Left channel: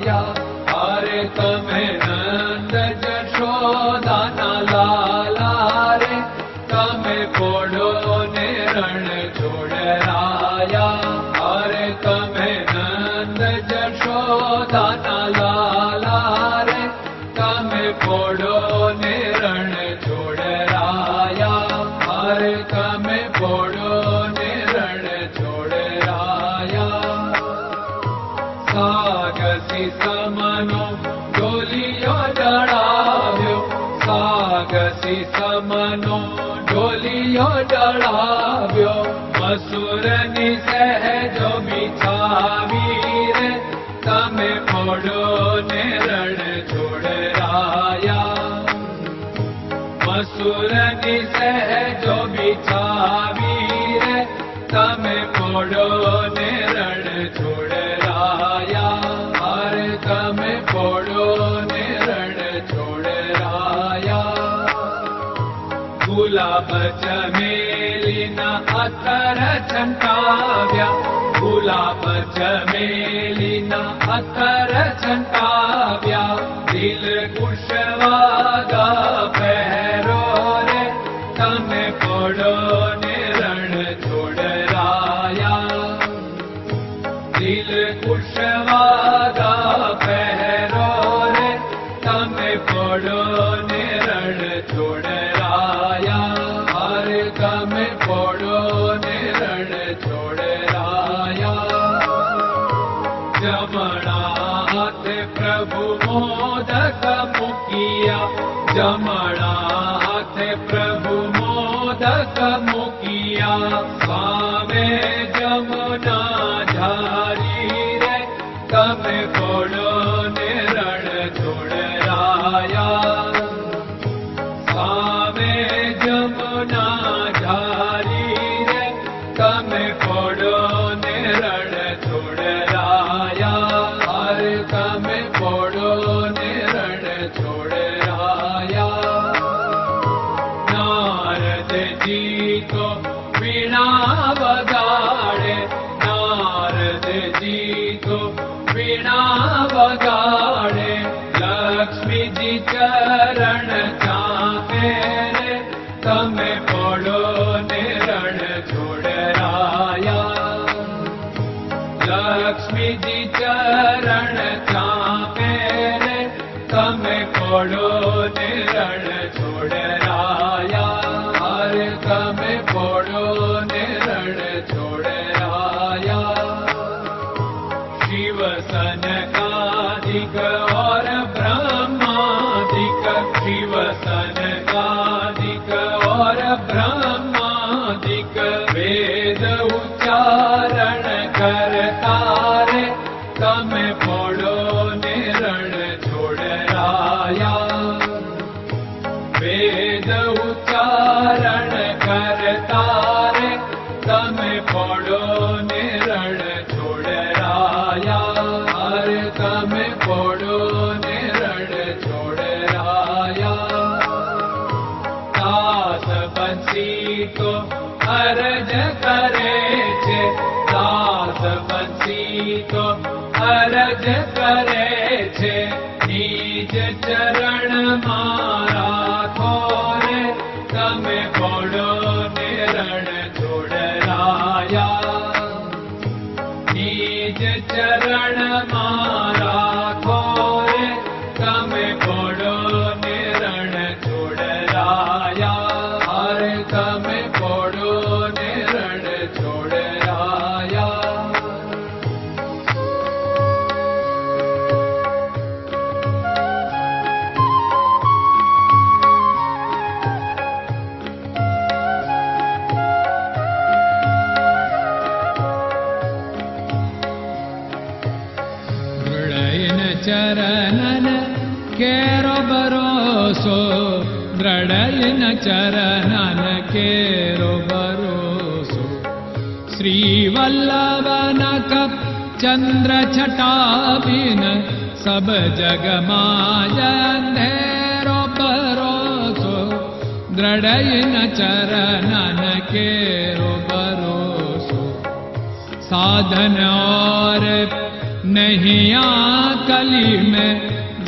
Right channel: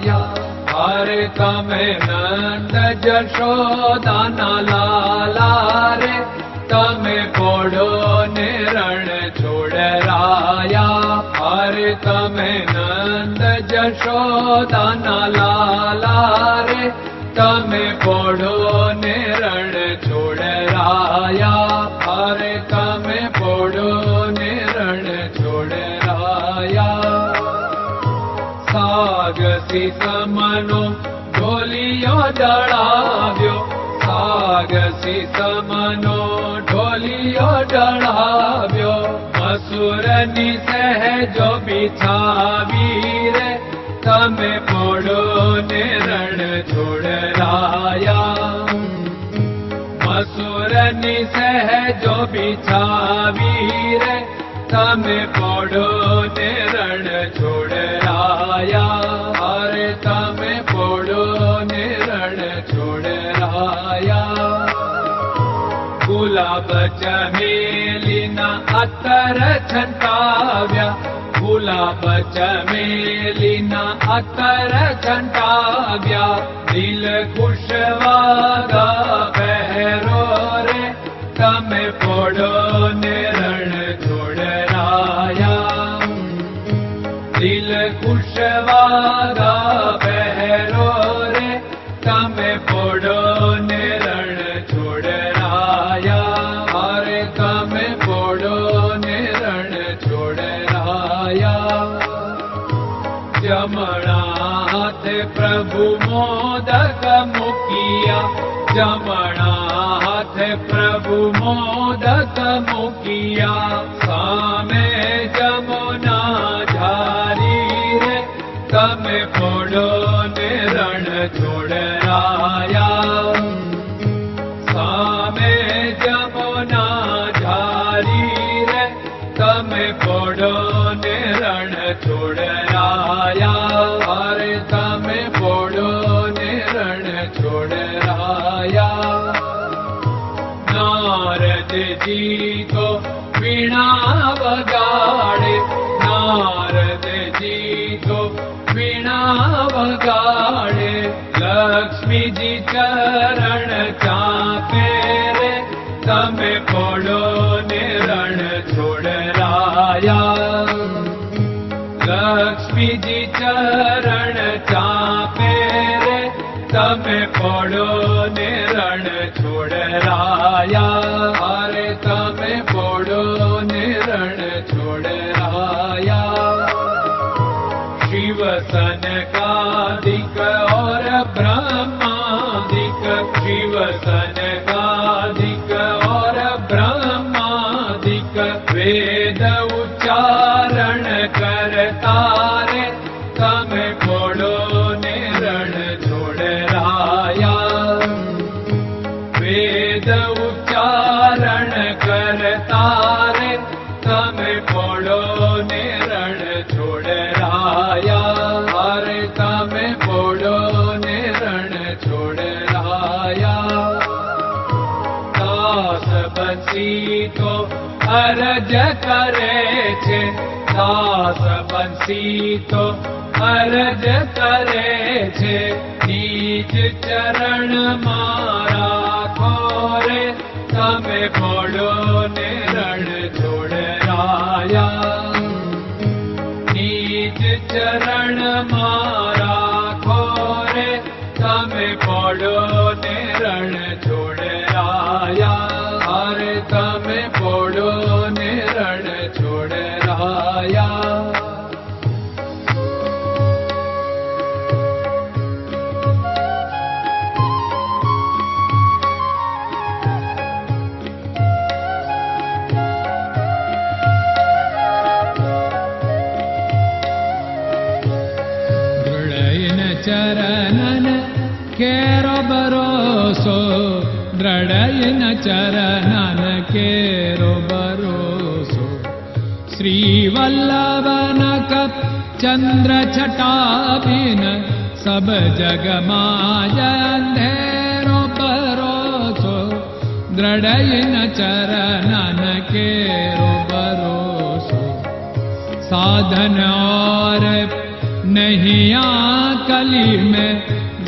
लाया हरे तमें नंद जशोदा न लाला रे। तमें पोड़ो ने रण छोड़ राया। हरे तमें नंद जशोदा न लाला रे। तमें पोड़ो धरणी सहजो बिछावी रे सम पोड़ो ने रण छोड़ राया अरे सम पोड़ो ने अतर छंटा Lord. Oh. खत्म किया। लक्ष्मीजी रण time. रोसो द्रडै न चरन केरो भरोसो श्रीवल्लभ चन्द्रटाबिन सब जगमाजेरो भरोसो द्रडय न चरन केरो भरोसो साधन और नहया कलि मे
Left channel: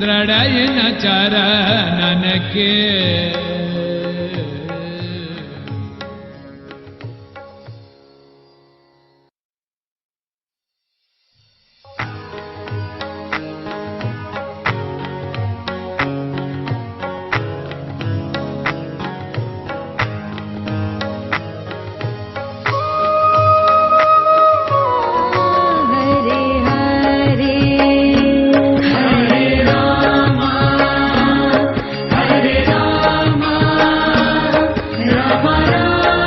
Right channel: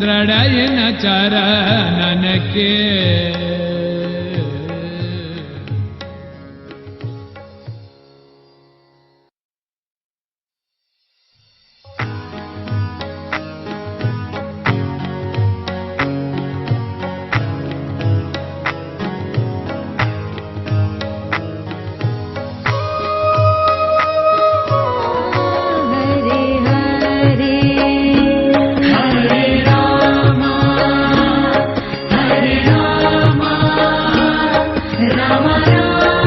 ದೃಢಯನ ಚರಣನಕ್ಕೆ Thank you.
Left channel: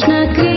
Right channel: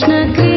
Krishna Krishna